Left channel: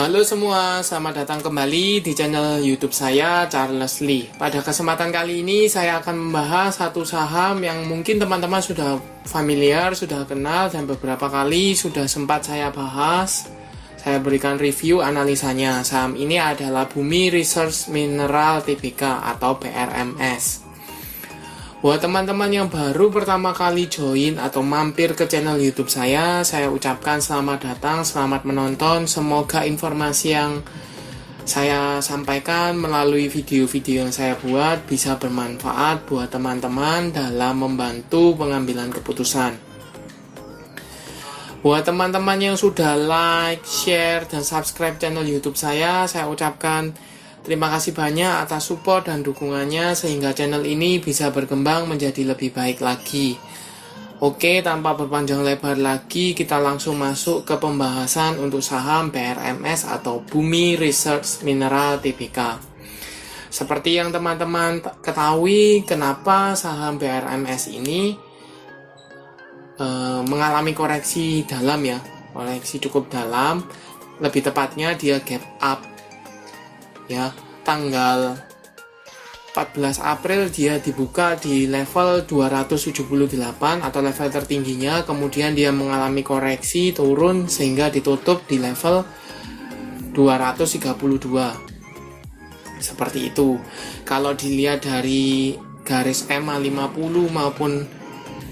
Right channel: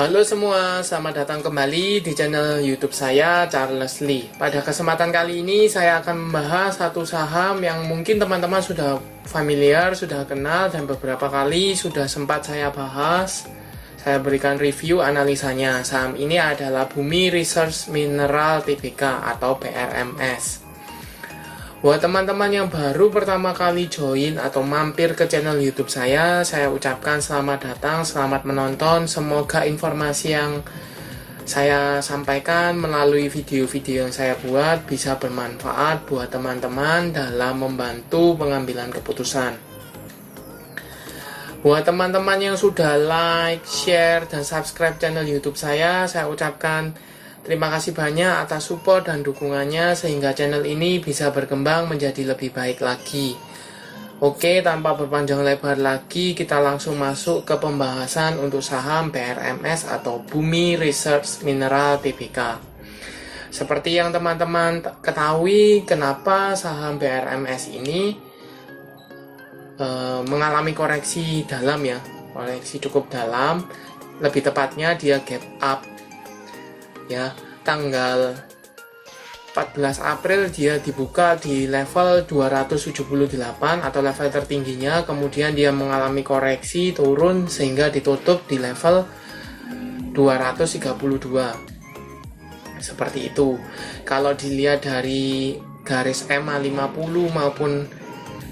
Halo semua, selamat datang kembali di channel YouTube saya, Charles Lee. Pada kesempatan kali ini saya akan membahas satu saham yang mungkin teman-teman sudah familiar, sudah kenal, dan beberapa kali sudah sempat saya bahas. Saya berikan review analisanya. Saham ini adalah Bumi Research Mineral Tbk atau BRMS. Buat teman-teman yang baru pertama kali join atau mampir ke channel YouTube saya ucapkan selamat datang, selamat menonton. Semoga informasi yang saya sampaikan melalui video-video yang saya buat bisa bermanfaat buat teman-teman dalam membantu pengambilan keputusan. Buat teman-teman yang sudah like, share, dan subscribe channel YouTube saya ucapkan terima kasih banyak atas support dan dukungannya sehingga channel ini bisa berkembang menjadi lebih baik lagi. Oke, tanpa berpanjang lebar lagi, kita langsung masuk ke pembahasan untuk saham BRMS atau Bumi Research Mineral Tbk. Seperti yang teman-teman ketahui, kenapa saham BRMS ini mengalami koreksi dalam ya, koreksi cukup dalam, lebih tepatnya dia gap up. Ya, tanggal 14 April dia dibuka di level 278 atau level tertingginya, kemudian dia mengalami koreksi turun sehingga ditutup di level 232. Seperti itu. Kalau dilihat dari garis EMA 50 maupun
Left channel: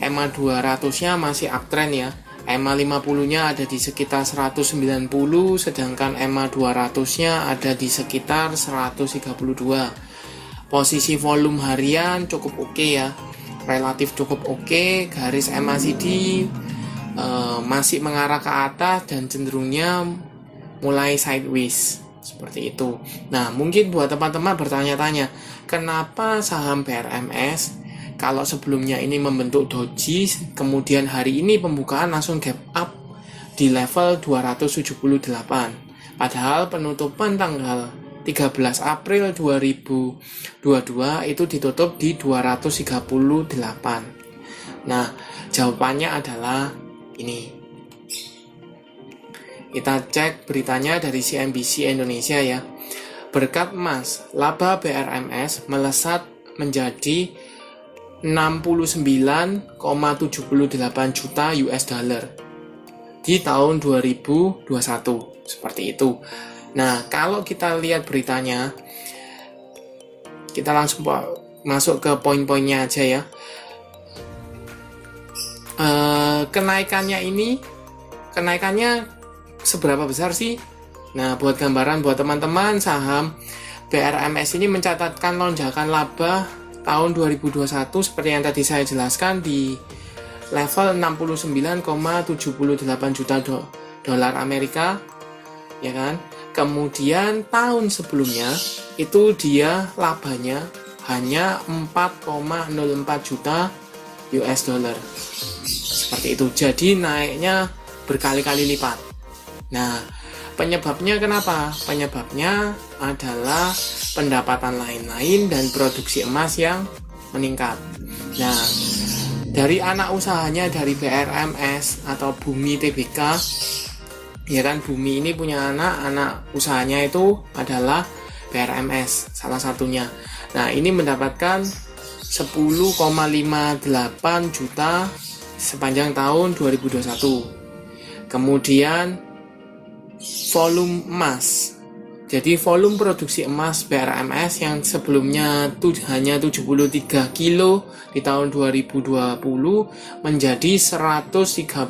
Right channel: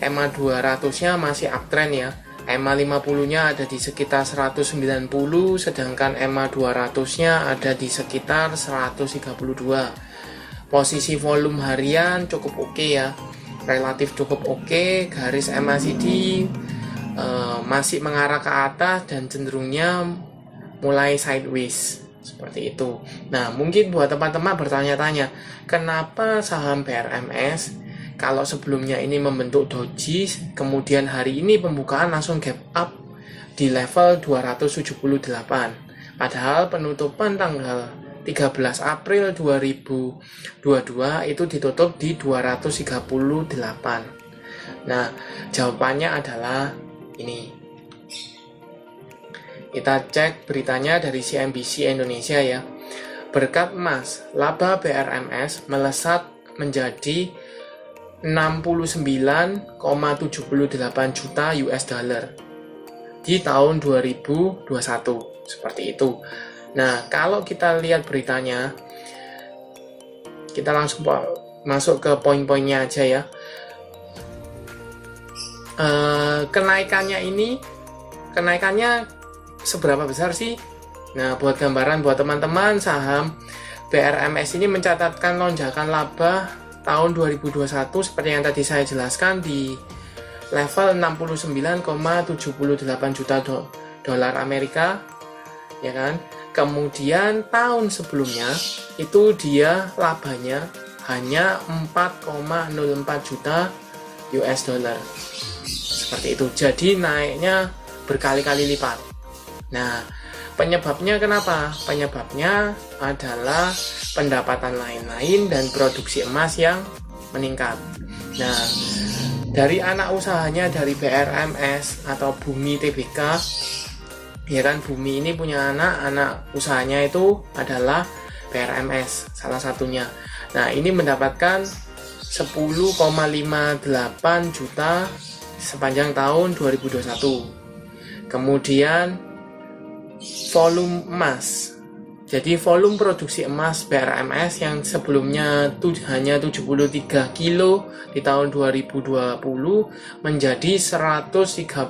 EMA 200-nya masih uptrend ya. EMA 50-nya ada di sekitar 190, sedangkan EMA 200-nya ada di sekitar 132. Posisi volume harian cukup oke ya, relatif cukup oke. Garis MACD masih mengarah ke atas dan cenderungnya mulai sideways, seperti itu. Nah, mungkin buat teman-teman bertanya-tanya, kenapa saham BRMS kalau sebelumnya ini membentuk doji, kemudian hari ini pembukaan langsung gap up di level 278. Padahal penutupan tanggal 13 April 2022 itu ditutup di 238. Nah, jawabannya adalah ini. Kita cek beritanya dari CNBC Indonesia ya. Berkat emas, laba BRMS melesat menjadi 69,78 juta US dollar di tahun 2021, seperti itu. Nah, kalau kita lihat beritanya, kita langsung masuk ke poin-poinnya aja ya. Kenaikannya seberapa besar sih? Nah, buat gambaran buat teman-teman, saham BRMS ini mencatatkan lonjakan laba tahun 2021 seperti yang tadi saya jelaskan di level 69,78 juta dolar Amerika, ya kan? Kemudian tahun sebelumnya itu dia labanya hanya 4,04 juta US dollar. Seperti itu. Jadi naiknya berkali-kali lipat. Nah, penyebabnya kenapa? Penyebabnya adalah pendapatan lain-lain dan produksi emas yang meningkat. Nah, dari anak usahanya dari BRMS atau Bumi Tbk, ya kan, Bumi ini punya anak usahanya itu adalah BRMS salah satunya. Nah, ini mendapatkan 10,58 juta sepanjang tahun 2021. Kemudian volume emas. Jadi volume produksi emas BRMS yang sebelumnya hanya 73 kilo di tahun 2020 menjadi 139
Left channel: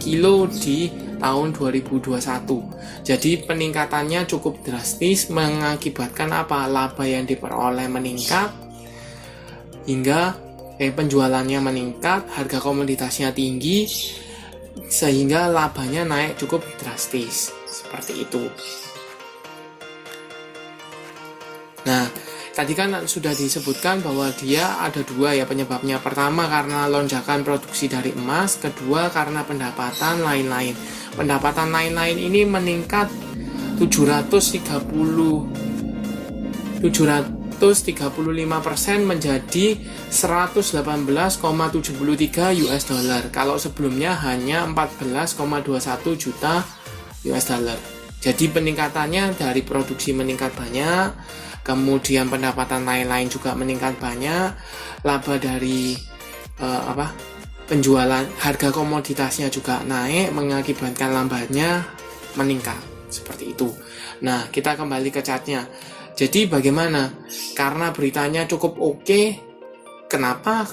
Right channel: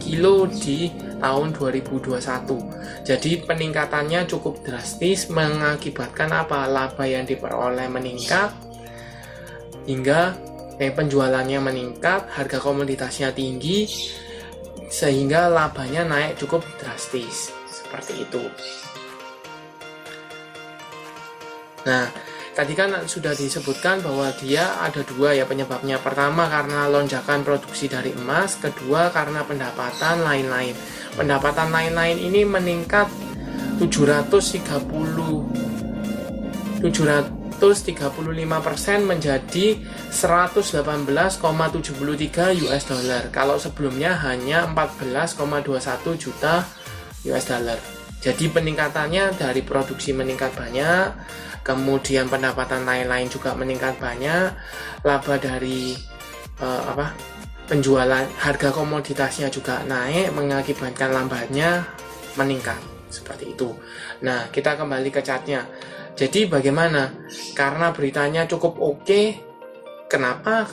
kilo di tahun 2021. Jadi peningkatannya cukup drastis, mengakibatkan apa? Laba yang diperoleh meningkat hingga penjualannya meningkat, harga komoditasnya tinggi sehingga labanya naik cukup drastis, seperti itu. Nah, tadi kan sudah disebutkan bahwa dia ada dua ya penyebabnya. Pertama karena lonjakan produksi dari emas, kedua karena pendapatan lain-lain. Pendapatan lain-lain ini meningkat 735% menjadi 118,73 US dollar. Kalau sebelumnya hanya 14,21 juta US dollar. Jadi peningkatannya dari produksi meningkat banyak, kemudian pendapatan lain-lain juga meningkat banyak, laba dari penjualan, harga komoditasnya juga naik, mengakibatkan lambatnya meningkat, seperti itu. Nah, kita kembali ke chartnya. Jadi bagaimana? Karena beritanya cukup oke, kenapa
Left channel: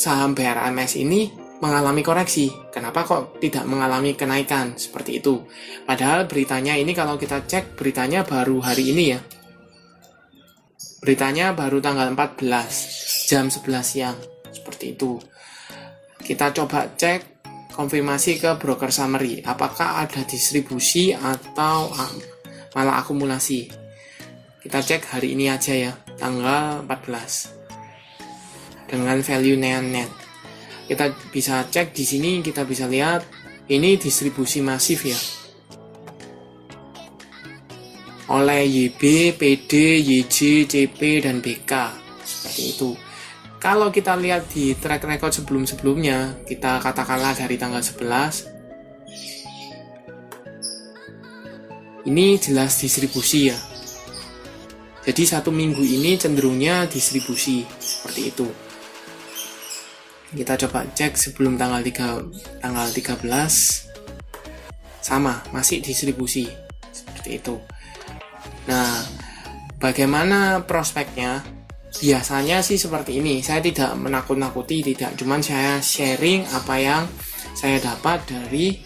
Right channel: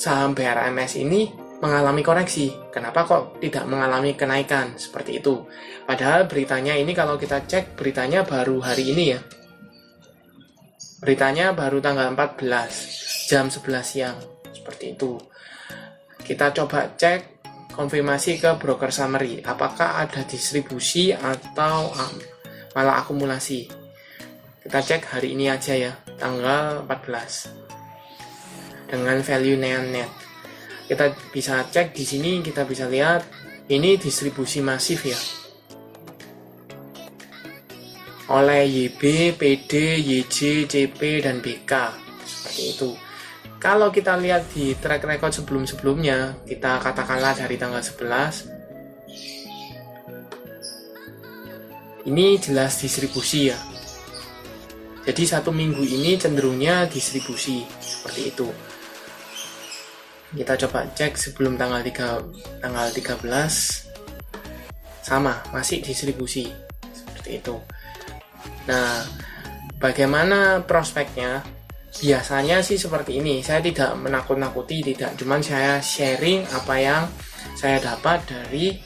saham BRMS ini mengalami koreksi? Kenapa kok tidak mengalami kenaikan seperti itu? Padahal beritanya ini, kalau kita cek beritanya baru hari ini ya. Beritanya baru tanggal 14 jam 11 siang, seperti itu. Kita coba cek konfirmasi ke broker summary, apakah ada distribusi atau malah akumulasi. Kita cek hari ini aja ya, tanggal 14 dengan value net. Kita bisa cek di sini, kita bisa lihat ini distribusi masif ya, oleh YB, PD, YJ, CP, dan BK, seperti itu. Kalau kita lihat di track record sebelum-sebelumnya, kita katakanlah dari tanggal 11, ini jelas distribusi ya. Jadi satu minggu ini cenderungnya distribusi, seperti itu. Kita coba cek sebelum tanggal 13, sama, masih distribusi, seperti itu. Nah, bagaimana prospeknya? Biasanya sih seperti ini. Saya tidak menakut-nakuti, tidak. Cuman saya sharing apa yang saya dapat dari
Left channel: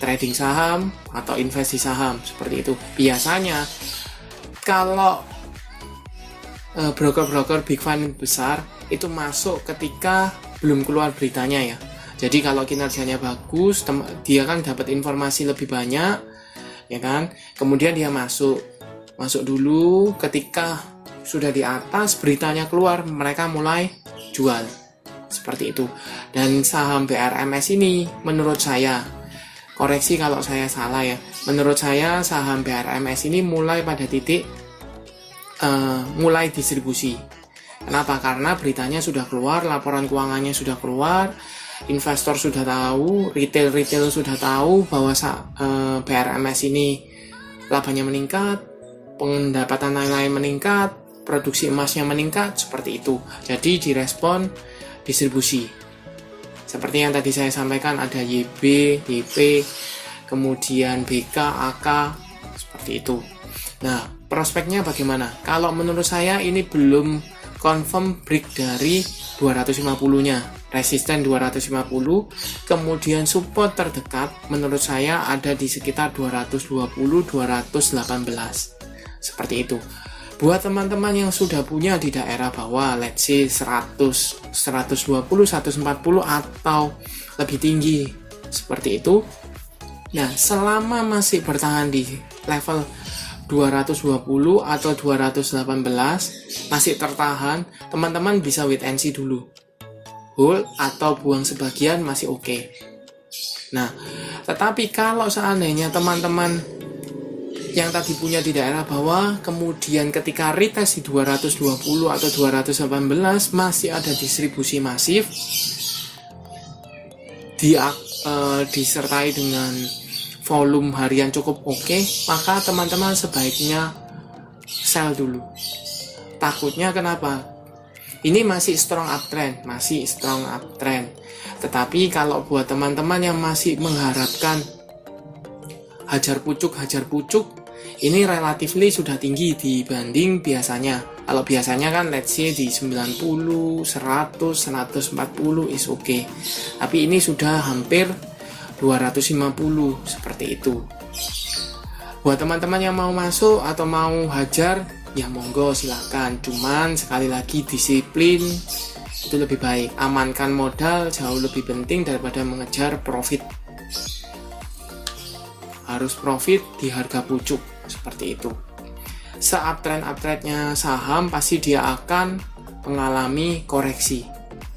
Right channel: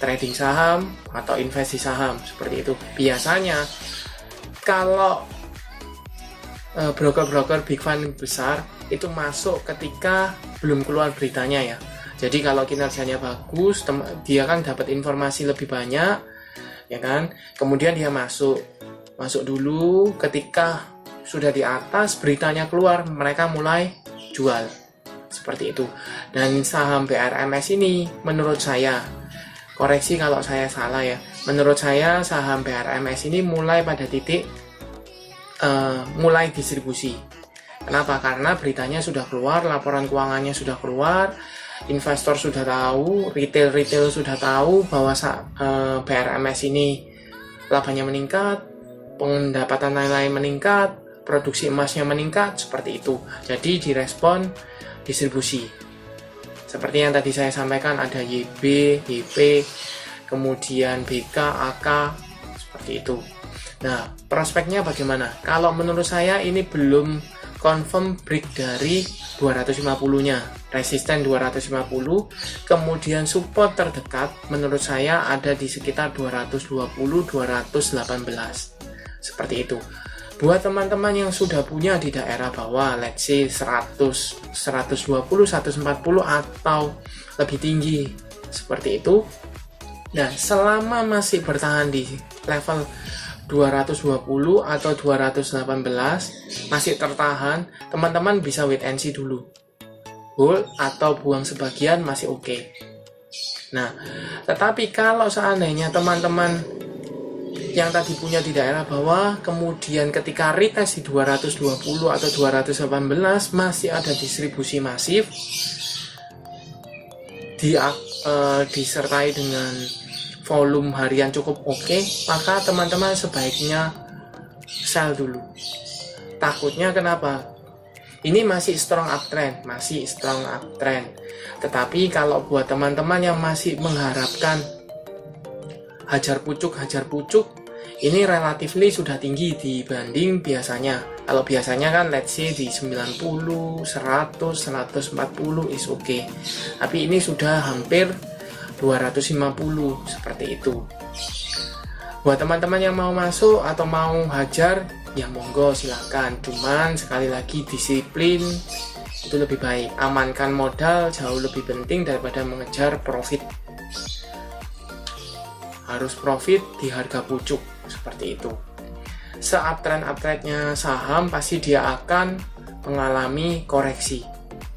trading saham atau investasi saham, seperti itu. Biasanya kalau broker-broker big fund besar itu masuk ketika belum keluar beritanya ya. Jadi kalau kinerjanya bagus, dia kan dapat informasi lebih banyak, ya kan. Kemudian dia masuk dulu, ketika sudah di atas beritanya keluar, mereka mulai jual, seperti itu. Dan saham BRMS ini menurut saya, koreksi kalau saya salah ya, menurut saya saham BRMS ini mulai pada titik mulai distribusi. Kenapa? Karena beritanya sudah keluar, laporan keuangannya sudah keluar, investor sudah tahu, retail sudah tahu bahwa BRMS ini labanya meningkat, pendapatan lain-lain meningkat, produksi emasnya meningkat, seperti itu. Jadi direspon distribusi. Seperti yang tadi saya sampaikan, ada YB, YP, kemudian BK, AK, seperti itu. Nah, prospeknya bagaimana? Kalau menurut saya ini belum confirm break dari 250-nya. Resisten 250, kemudian support terdekat menurut saya ada di sekitar 220-218. Seperti itu. Buat teman-teman yang sudah punya di daerah bawah, let's say 100, 120, 140 atau lebih tinggi, seperti itu. Nah, selama masih bertahan di level 220 atau 218 masih tertahan, teman-teman bisa wait and see dulu, hold atau buang sebagian masih oke. Nah, tetapi kalau seandainya teman-teman yang tadi punya di daerah bawah, kemudian ketika retest di 220 atau 218 masih ada distribusi masif, disertai dengan volume harian cukup oke, maka teman-teman sebaiknya sell dulu. Takutnya kenapa? Ini masih strong uptrend. Tetapi kalau buat teman-teman yang masih mengharapkan hajar pucuk, ini relatively sudah tinggi dibanding biasanya. Kalau biasanya kan let's say di 90, 100, 140 is okay. Tapi ini sudah hampir 250, seperti itu. Buat teman-teman yang mau masuk atau mau hajar, ya monggo silakan. Cuman sekali lagi disiplin itu lebih baik. Amankan modal jauh lebih penting daripada mengejar profit. Harus profit di harga pucuk, seperti itu. Se-uptrend-uptrendnya saham pasti dia akan mengalami koreksi,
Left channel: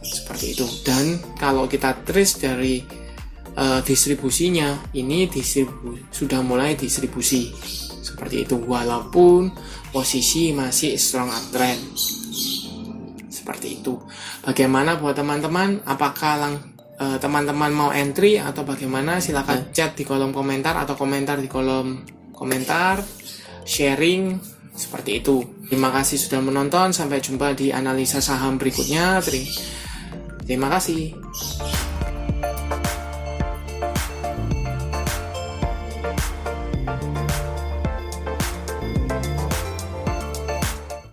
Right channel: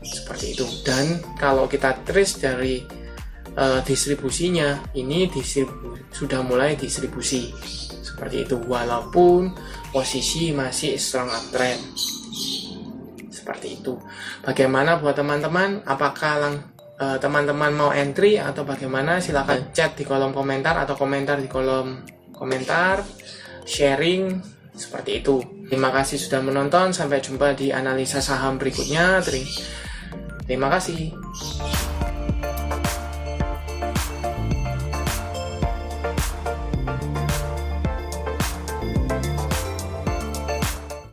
seperti itu. Dan kalau kita trace dari distribusinya, ini sudah mulai distribusi, seperti itu, walaupun posisi masih strong uptrend, seperti itu. Bagaimana buat teman-teman? Apakah teman-teman mau entry atau bagaimana? Silahkan chat di kolom komentar atau komentar di kolom komentar, sharing, seperti itu. Terima kasih sudah menonton, sampai jumpa di analisa saham berikutnya. Terima kasih.